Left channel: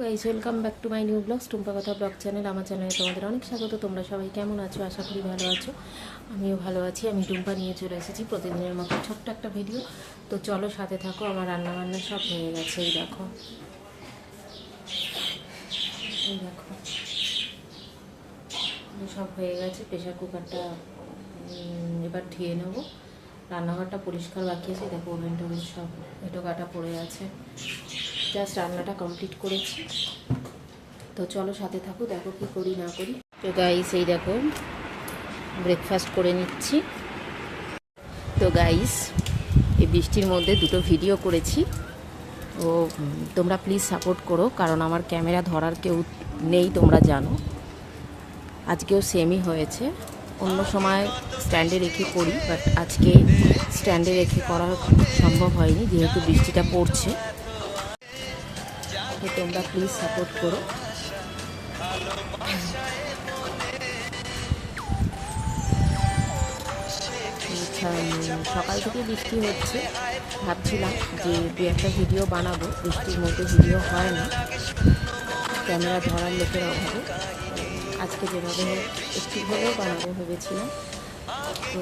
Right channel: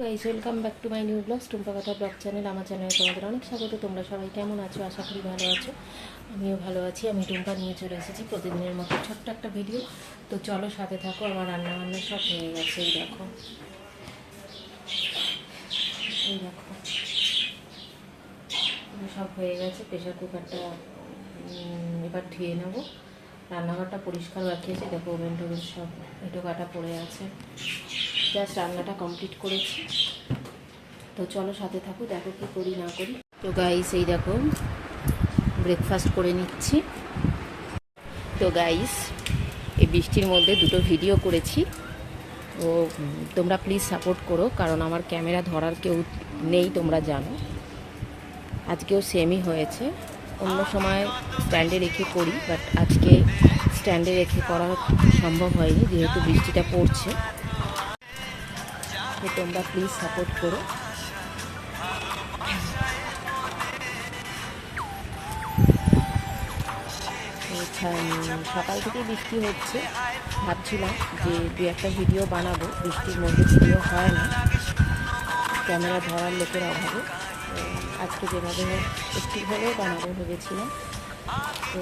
Guys welcome back to my new blogs Tumpa কথা blog channel আমার চ্যানেলে তোমাদের অনেক স্বাগত, তোমরা সবাই কেমন আছো? আশা করি ভালো আছো। আমিও ভালো আছি, আমি টুম্পা নিয়ে চলে এসেছি প্রতিদিনের মতো ছোট্ট একটা ভিডিও তো চলো সাথে থাকো, আমার রান্না বান্না সব হয়ে গেছে, এই দেখো। এই দেখো। সব হয়ে গেছে প্রেশার কুকারটা এবার ধুয়ে নেব। রান্নাঘরটা পরিষ্কার রাখিয়েছি, দেখো ওভেন টোভেন সব এটো কাটা পড়ে আছে। জাস্ট রান্নাটা কমপ্লিট করেছি তো চলো সাথে থাকো দেখো কি করি না করি। তো গাইস এই দেখো ব্রেকফাস্ট করে নিচ্ছি। তো গাইস এই বৃষ্টির মধ্যে দুটো ভিডিও করেছি। উম, তোমরা প্লিজ সাপোর্ট করো কারণ আমার ক্যামেরা ধরার কেউ নেই তোমরা জানো। আজকেও সেমই হয়েছে। অন্য সময় স্ট্যান্ডে রেখে করি বাট আজকে স্ট্যান্ডে রেখে করা সম্ভব হয়নি যেহেতু বৃষ্টিটা পড়ছে। তো তোমরা প্লিজ সাপোর্ট করো। সকাল থেকে বৃষ্টি হচ্ছে। ভাবছিলাম যে দু একটা ভিডিও বানাবো। বৃষ্টির মধ্যে ভিডিও হয় না। ক্যামেরা ধরার লোকের অভাবে। আজকে যেভাবে একটু হলেও বানাবো ভেবেছিলাম। তো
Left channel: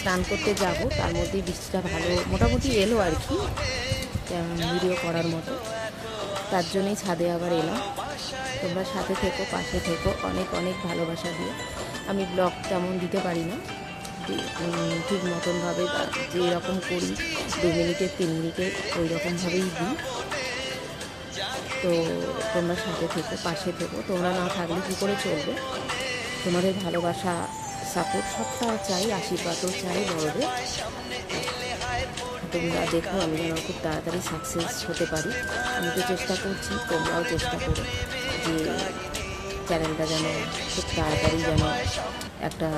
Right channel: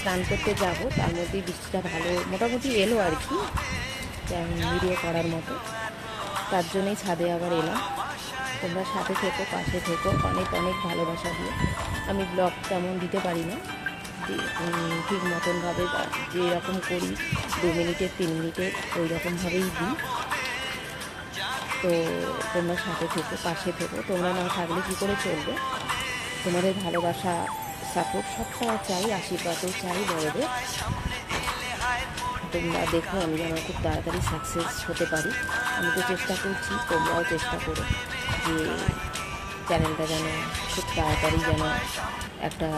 স্নান করতে যাব। তার মধ্যেই বৃষ্টিটা ভালো, মোটামুটি এলো আর কি। ভিডিও করার মতো। তার জন্যই ছাদে আবার এলাম। তোমরা সাথে থেকো, পাশে থেকো। অনেক অনেক ভালোবাসা দিয়ে। আমি ব্লগ তেমন দিতে পারি না। ঠিক মতনভাবে বা যেরকম করি, দু মিনিটের তিন মিনিটে ওই রকমভাবেই দিই। তো তোমরা সাথে থেকো, পাশে থেকো। তোমরা না থাকলে কী করে চলবে? তোমাদের ভালোবাসা সাপোর্ট সবটা চাই, আশীর্বাদও চাই বড়দের। তোমরা দেখো আমি যেন খুব তাড়াতাড়ি সাকসেস হতে পারি। আমি তো চেষ্টা করছি, তোমরাও চেষ্টা করো যে চ্যানেলটা যেন খুব তাড়াতাড়ি যেন একটা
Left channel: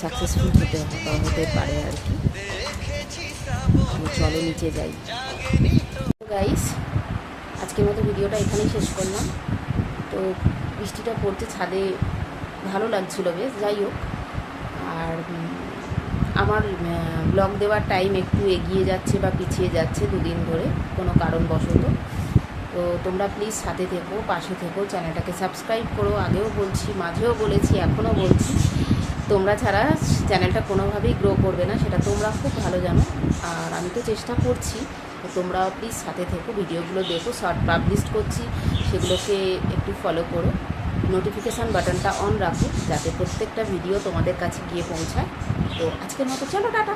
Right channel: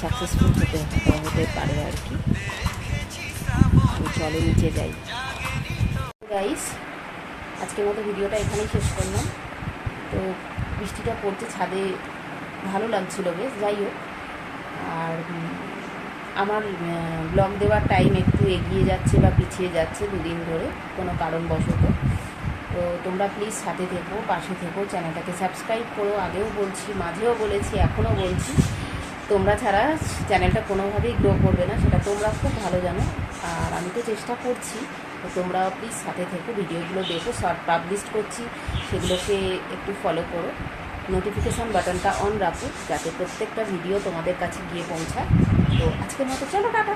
সাকসেসফুল হতে হতে পারে আর কি। চলো নিচে যাই। গাইস আজকের মতো ভিডিওটা এখানেই শেষ করলাম। তো বৃষ্টিটা পড়তে ছাদে, ভালো লাগছিল বেশ, যাই হোক। আমার ব্লগ দেওয়ার টাইম একটু এগিয়ে যাচ্ছে বা পিছিয়ে যাচ্ছে দুদিন ধরে, কোনো কারণবশত। তো তোমরা প্লিজ সাথে থেকো, পাশে থেকো, চ্যানেলটাকে সাবস্ক্রাইব করো। আগেও বলছি, মাঝেও বলেছি, এখনও বলছি, তোমরা ছাড়া চ্যানেলটা কোনোভাবেই গ্রো করবে না, সেটা তোমরা খুব ভালো জানো। আর আমি তো চেষ্টা করছি, তো তোমরাও প্লিজ সাথে থেকো, ভিডিওগুলো দেখো শর্ট পাবলিশ করছি, সেগুলোকে একটু ফলো করো। নোটিফিকেশান বাটনটা অন রাখো যাতে প্রত্যেকটা ভিডিও তোমাদের কাছে গিয়ে পৌঁছায়। তো আজকের মতো চলো, টাটা।